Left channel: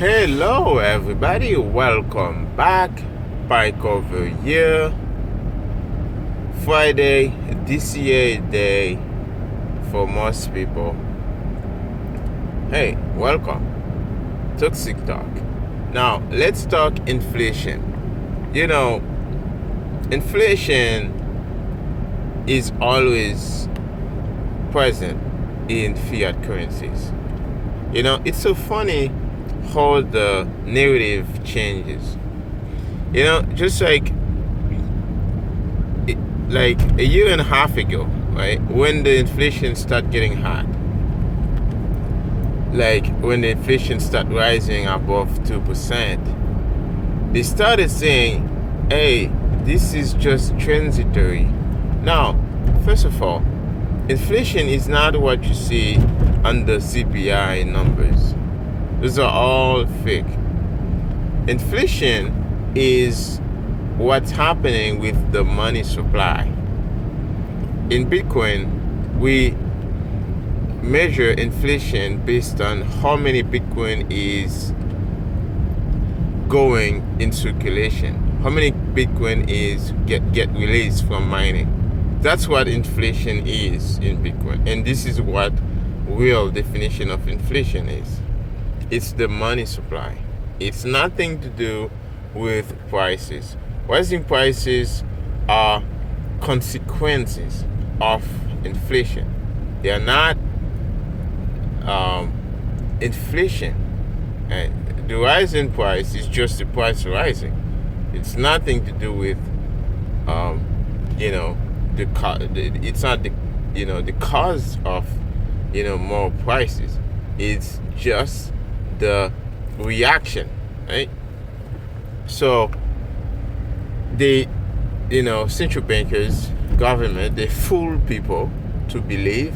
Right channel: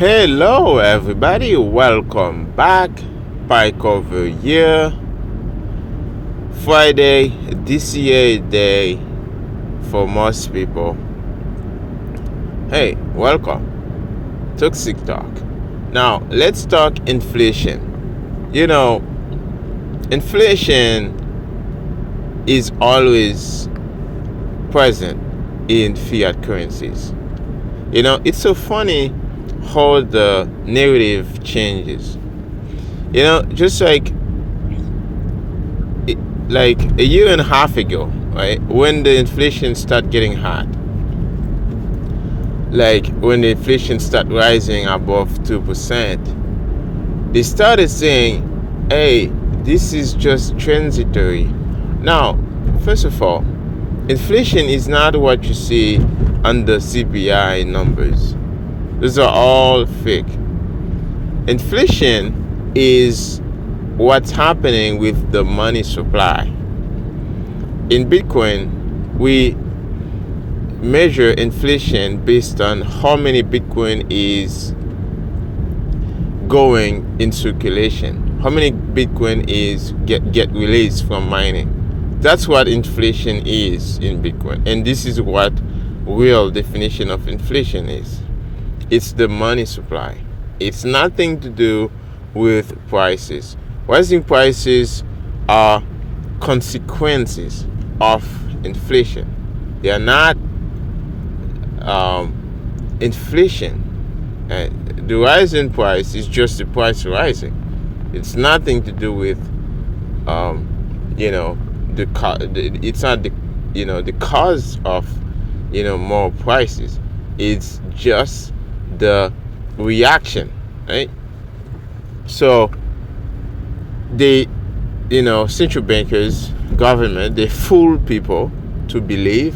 Hello, everybody. Welcome back. Pike over here. Friday, DCA day for most people. Hey, welcome. Toxic Talk. Now, let's talk inflation. Inflation is always present in fiat currencies. It's so funny how the narrative changes. Just like a year and a half ago, right, when the inflation started getting hot, like when the inflation started rising above 2%, they started saying, hey, this is just transitory. Now, first of all, inflation is not what you see on the CPI numbers. Those are all fake. Inflation is what's happening with the money supply. In Bitcoin, we measure inflation based on how many Bitcoin is going in circulation, how many Bitcoin is get released from mining. That's what inflation is in Bitcoin, and this is what real definition of inflation is. It's the money supply. It's nothing to do with prices. Rising prices are consequences of inflation. They are not inflation. The rise in price is just the price rising. It's nothing to do with it's not the cause of more prices. It's just the reaction, right? So the central bankers, government, they fool people to believe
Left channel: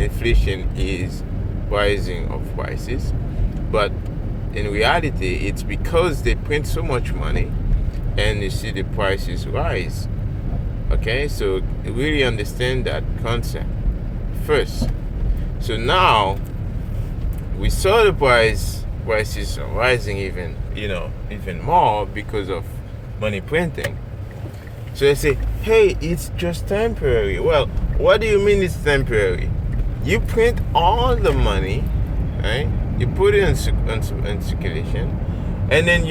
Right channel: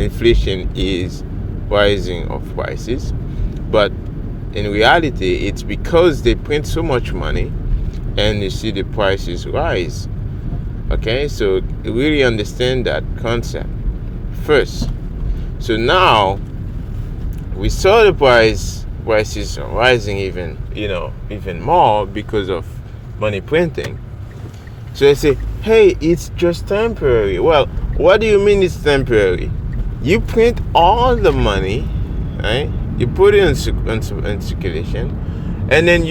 inflation is rising of prices, but in reality it's because they print so much money and you see the prices rise. Okay, so really understand that concept first. So now we saw the prices are rising even more because of money printing. So they say, hey, it's just temporary. Well, what do you mean it's temporary? You print all the money, right? You put it in circulation, and then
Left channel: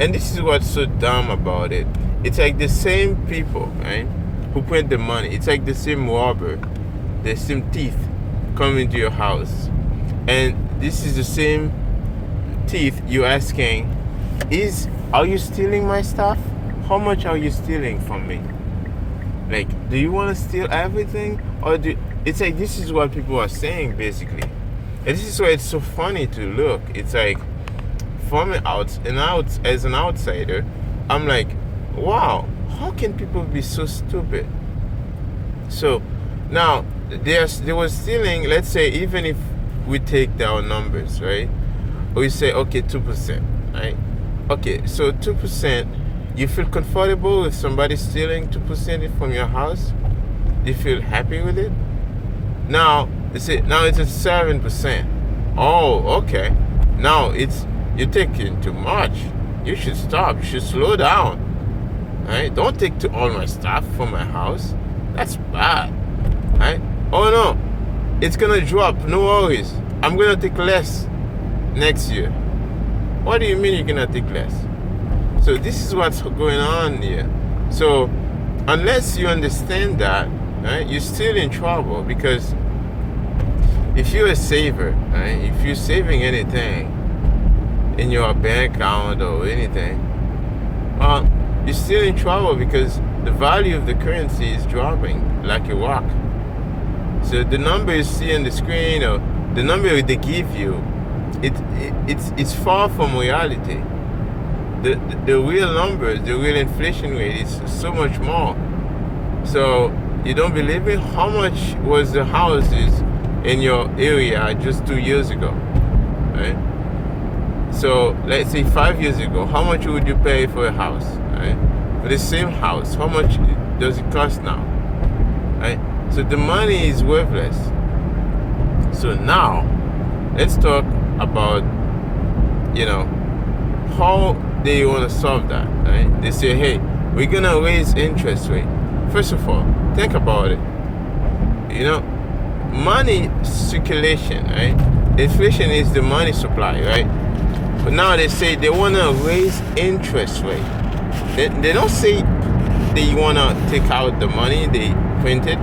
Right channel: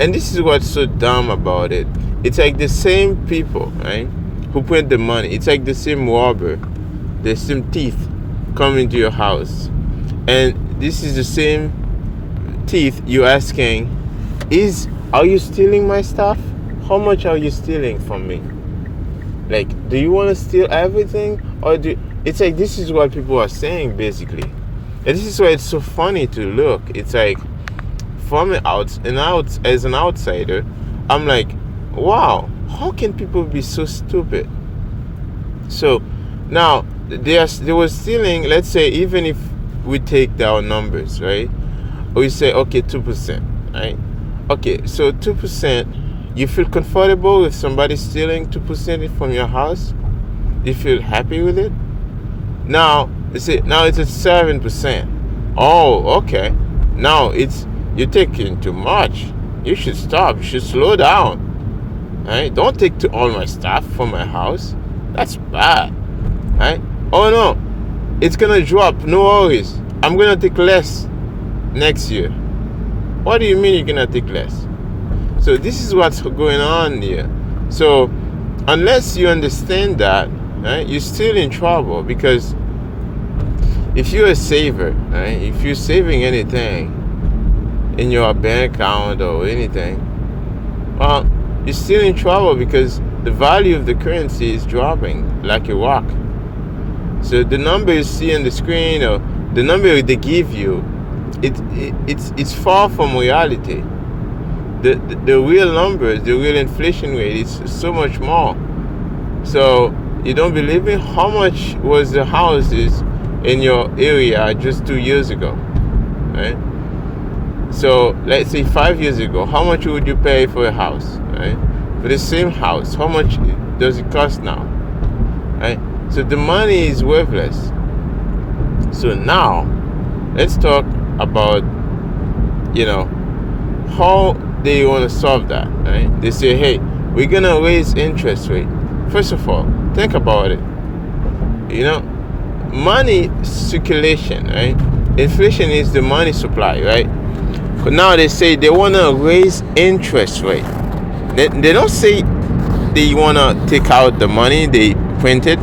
and this is what's so dumb about it. It's like the same people, right, who print the money. It's like the same robber, the same thief come into your house, and this is the same thief you're asking, are you stealing my stuff? How much are you stealing from me? Like, do you want to steal everything? It's like, this is what people are saying basically. And this is why it's so funny to look. It's like, as an outsider, I'm like, wow, how can people be so stupid? So now they were stealing. Let's say, even if we take down numbers, right? We say, okay, 2%, right? Okay, so 2%, you feel comfortable with somebody stealing 2% from your house? You feel happy with it? Now it's at 7%. Oh, okay. Now you're taking too much. You should stop. You should slow down. Right? Don't take all my stuff from my house. That's bad. Right? Oh no, it's gonna drop. No worries. I'm gonna take less next year. What do you mean you're gonna take less? So this is what's going on here. So unless you understand that, right, you're still in trouble. Because if you're a saver, right, if you're saving anything in your bank account or anything, well, you're still in trouble because the value of the currency is dropping like a rock. So the number you see on the screen, or the number they give you, it's far from reality. The real numbers, the real inflation rate is so much more. So you don't believe me? How much was the houses in your area just 2 years ago, right? So let's say 5 years ago, how much would you pay for a house, right? For the same house, how much does it cost now, right? So the money is worthless. So now let's talk about you know, how they want to solve that, right? They say, hey, we're gonna raise interest rate. First of all, think about it. You know, money circulation, right? Inflation is the money supply, right? But now they say they want to raise interest rate. They don't say they want to take out the money they printed.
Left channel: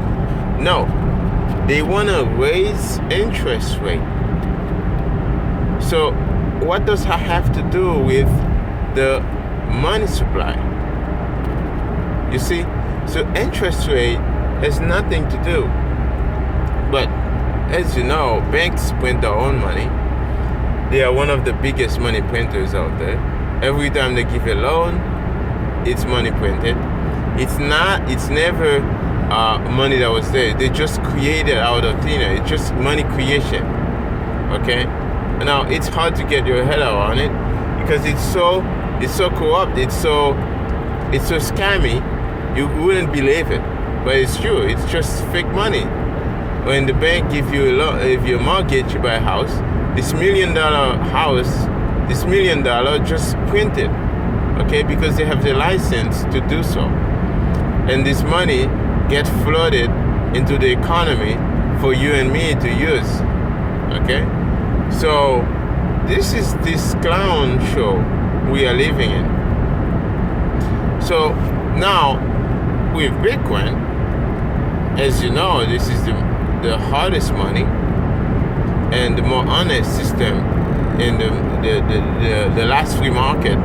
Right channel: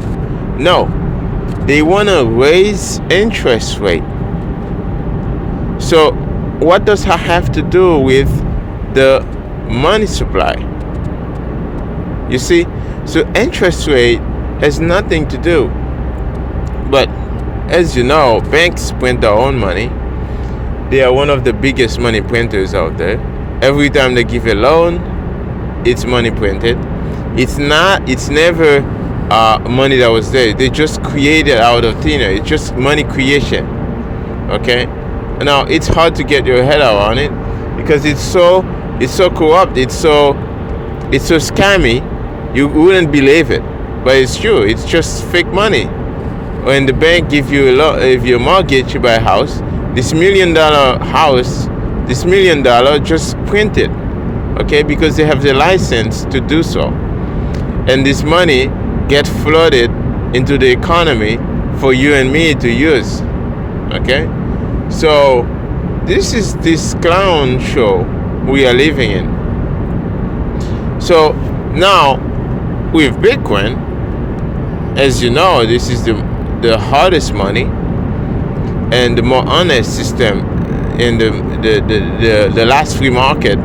No, they want to raise interest rate. So what does that have to do with the money supply? You see, so interest rate has nothing to do. But as you know, banks print their own money. They are one of the biggest money printers out there. Every time they give a loan, it's money printed. It's never money that was there. They just created out of thin air. It's just money creation. Okay? Now it's hard to get your head around it because it's so corrupt. It's so scammy. You wouldn't believe it, but it's true. It's just fake money. When the bank give you a loan, if you mortgage, you buy a house, this $1 million house, this $1 million just printed, okay, because they have the license to do so, and this money gets flooded into the economy for you and me to use, okay. So this clown show we are living in. So now with Bitcoin, as you know, this is the hardest money and the more honest system in the last free market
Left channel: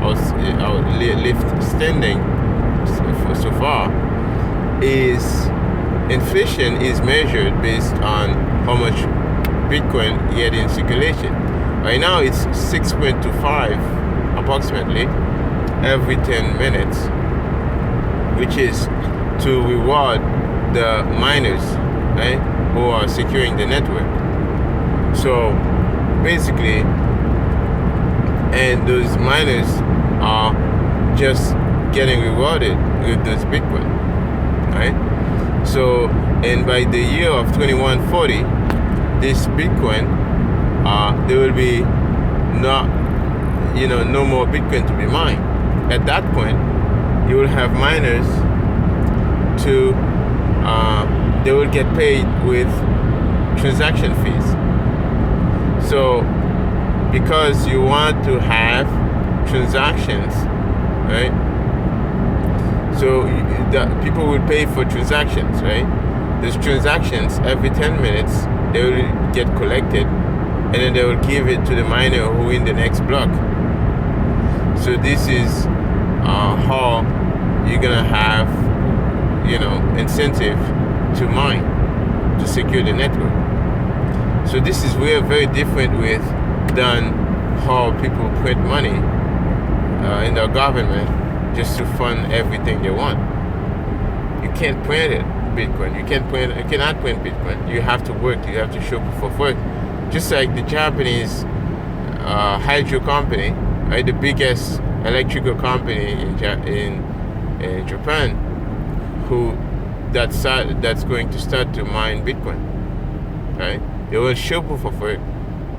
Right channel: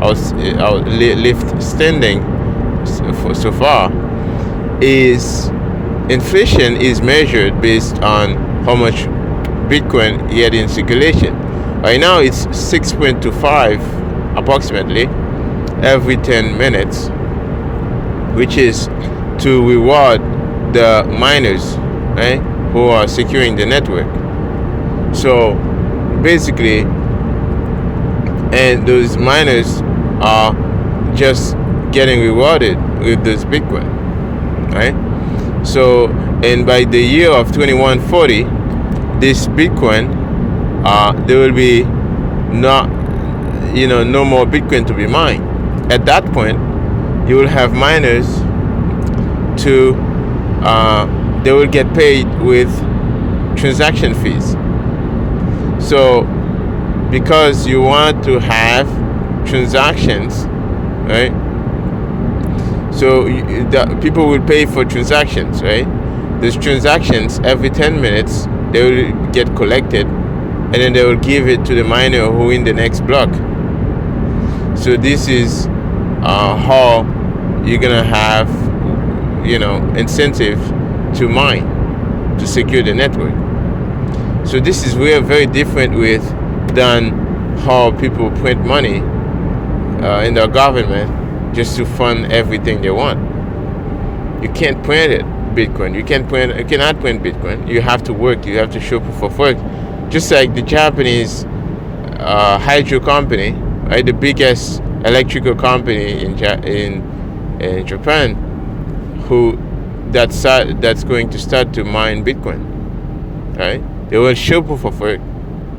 I was left standing so far. Is inflation is measured based on how much Bitcoin you had in circulation. Right now it's 6.25 approximately every 10 minutes, which is to reward the miners, right, who are securing the network. So basically, and those miners are just getting rewarded with this Bitcoin, right? So, and by the year of 2140, this Bitcoin, there will be no more Bitcoin to be mined. At that point, you will have miners they will get paid with transaction fees. So because you want to have transactions, right? So the people will pay for transactions, right? Those transactions every 10 minutes they will get collected, and then they will give it to the miner who in the next block. So this is how you're gonna have incentive to mine, to secure the network. So this is very different than how people print money in the government just to fund everything they want. You can't print it, Bitcoin. You cannot print Bitcoin. You have to work. You have to show proof of work. Just like the Japanese hydro company, right? The biggest electrical company in Japan, that's going to start to mine Bitcoin, right? They will show proof of work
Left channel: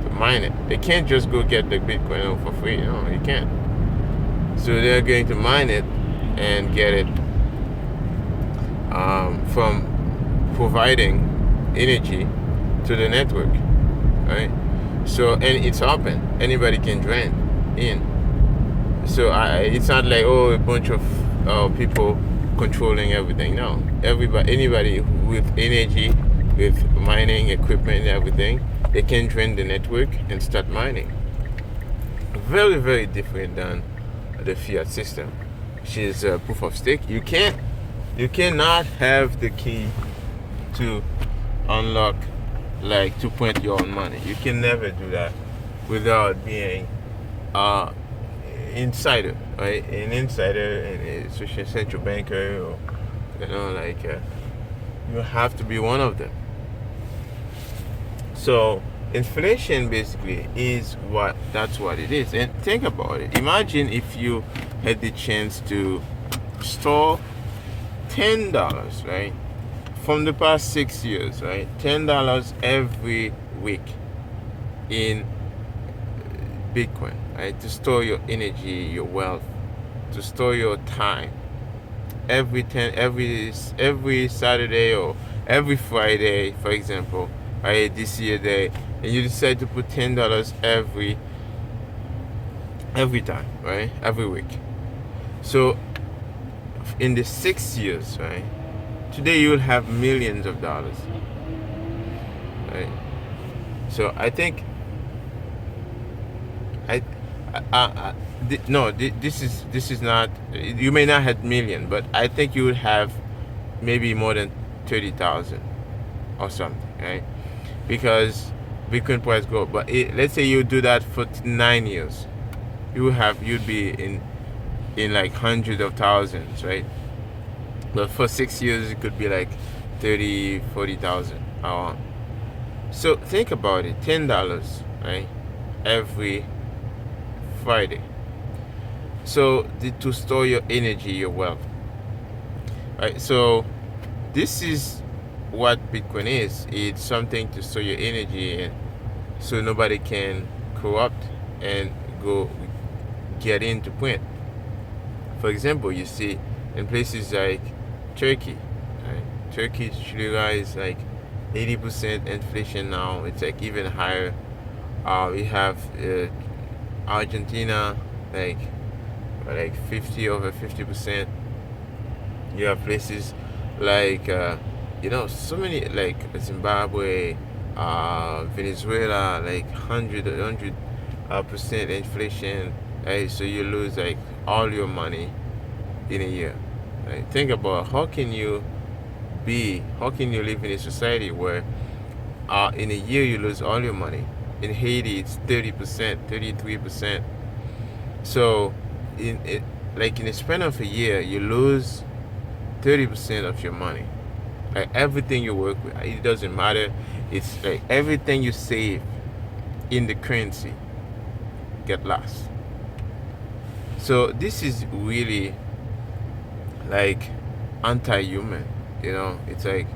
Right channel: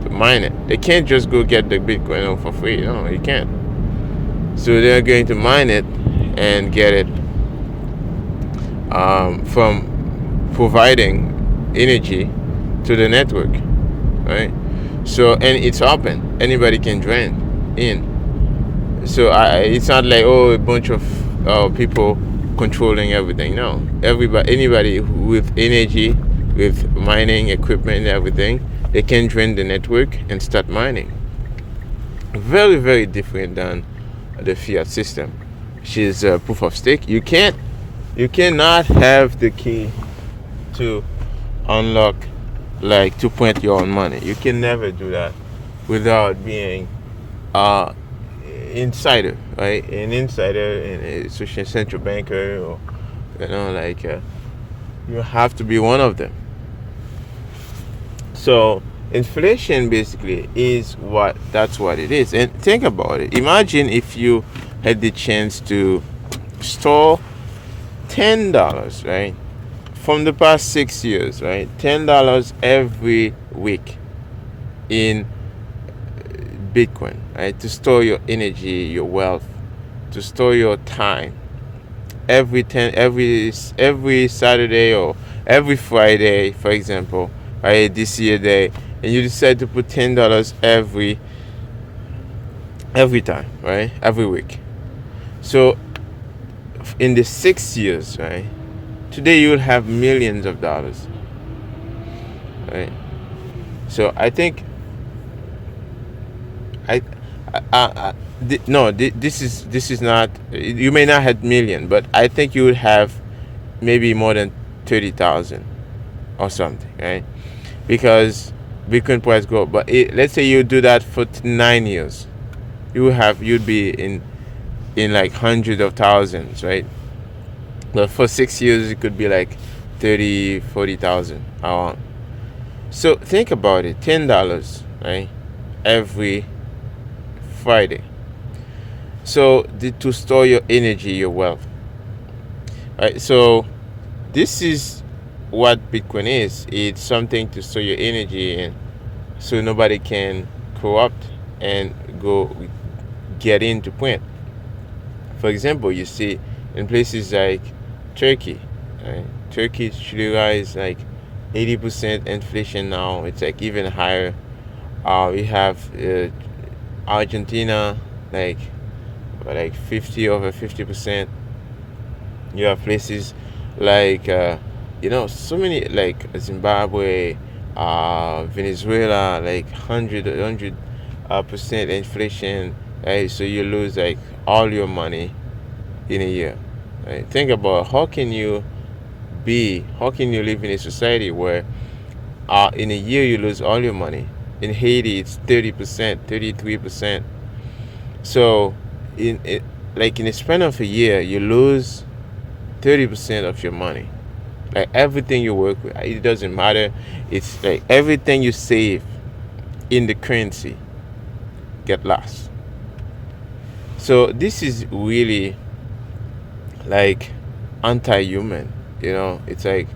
to mine it. They can't just go get the Bitcoin for free. No, you can't. So they're going to mine it and get it from providing energy to the network, right? So, and it's open. Anybody can join in. So it's not like a bunch of people controlling everything. No, anybody with energy, with mining equipment and everything, they can join the network and start mining. Very different than the fiat system, which is proof of stake. You cannot have the key to unlock, like to print your own money. You can never do that without being insider, right? An insider, especially a central banker, or you have to be one of them. So inflation basically that's what it is. And think about it. Imagine if you had the chance to store $10, right? From the past 6 years, right? $10 every week in Bitcoin, right? To store your energy, your wealth, to store your time. Every Saturday or every Friday, for example, right? This year day, and you decide to put $10 every time, right? Every week. So in the 6 years, right? Today you will have millions of dollars, right? So I think I, no, this is not. You may not have million, but I think you would have maybe more than 30,000 or something, right? Because Bitcoin price go up. But let's say you do that for 9 years, you'd be in like hundreds of thousands, right? But for 6 years, it could be like 30, 40,000 around. So think about it, $10, right? Every Friday. So to store your energy, your wealth, right? So this is what Bitcoin is. It's something to store your energy in, so nobody can corrupt and go get into print. For example, you see in places like Turkey, right? Turkish lira is like 80% inflation now. It's like even higher. We have Argentina, like 50% over 50%. You have places like so many, like Zimbabwe, Venezuela, like 100% inflation. Right? So you lose like all your money in a year. Right? Think about how can you live in a society where in a year you lose all your money. In Haiti it's 30%, 33%. So in a span of a year you lose 30% of your money. Like everything you work with, it doesn't matter. It's like everything you save in the currency get lost. So this is really like anti-human. It's like,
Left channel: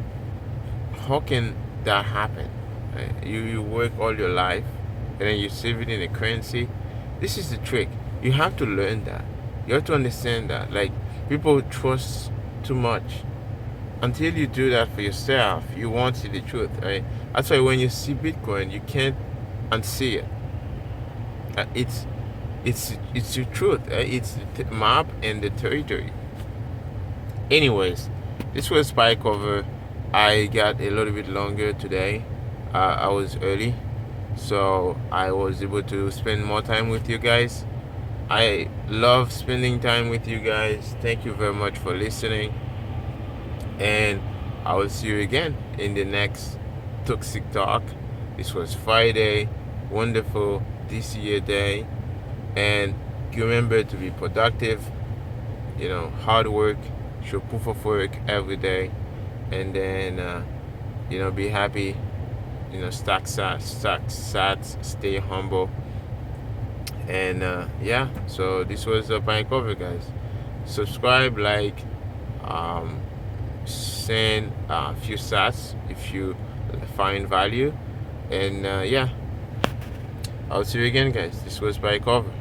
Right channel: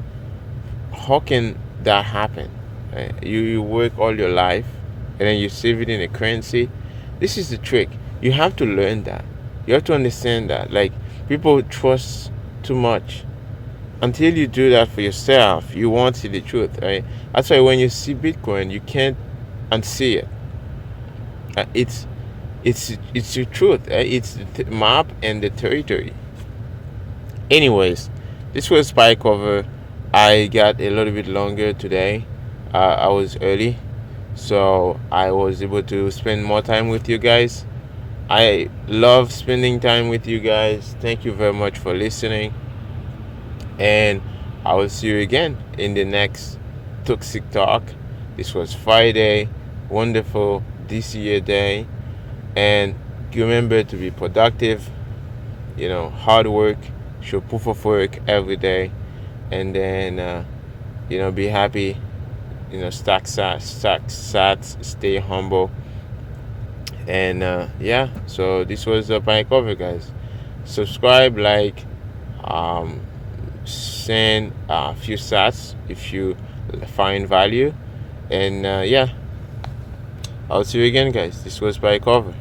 how can that happen? You work all your life and then you save it in a currency. This is the trick. You have to learn that. You have to understand that. Like, people trust too much. Until you do that for yourself, you won't see the truth, right? That's why when you see Bitcoin, you can't unsee it. It's the truth. It's the map and the territory. Anyways, this was Spy Cover. I got a little bit longer today. I was early, so I was able to spend more time with you guys. I love spending time with you guys. Thank you very much for listening. And I will see you again in the next Toxic Talk. This was Friday. Wonderful this year day. And remember to be productive. Hard work. Show proof of work every day. And then, be happy. Stack sats, stay humble. And so this was my cover, guys. Subscribe, like, send a few sats if you find value. And I'll see you again, guys. This was by cover.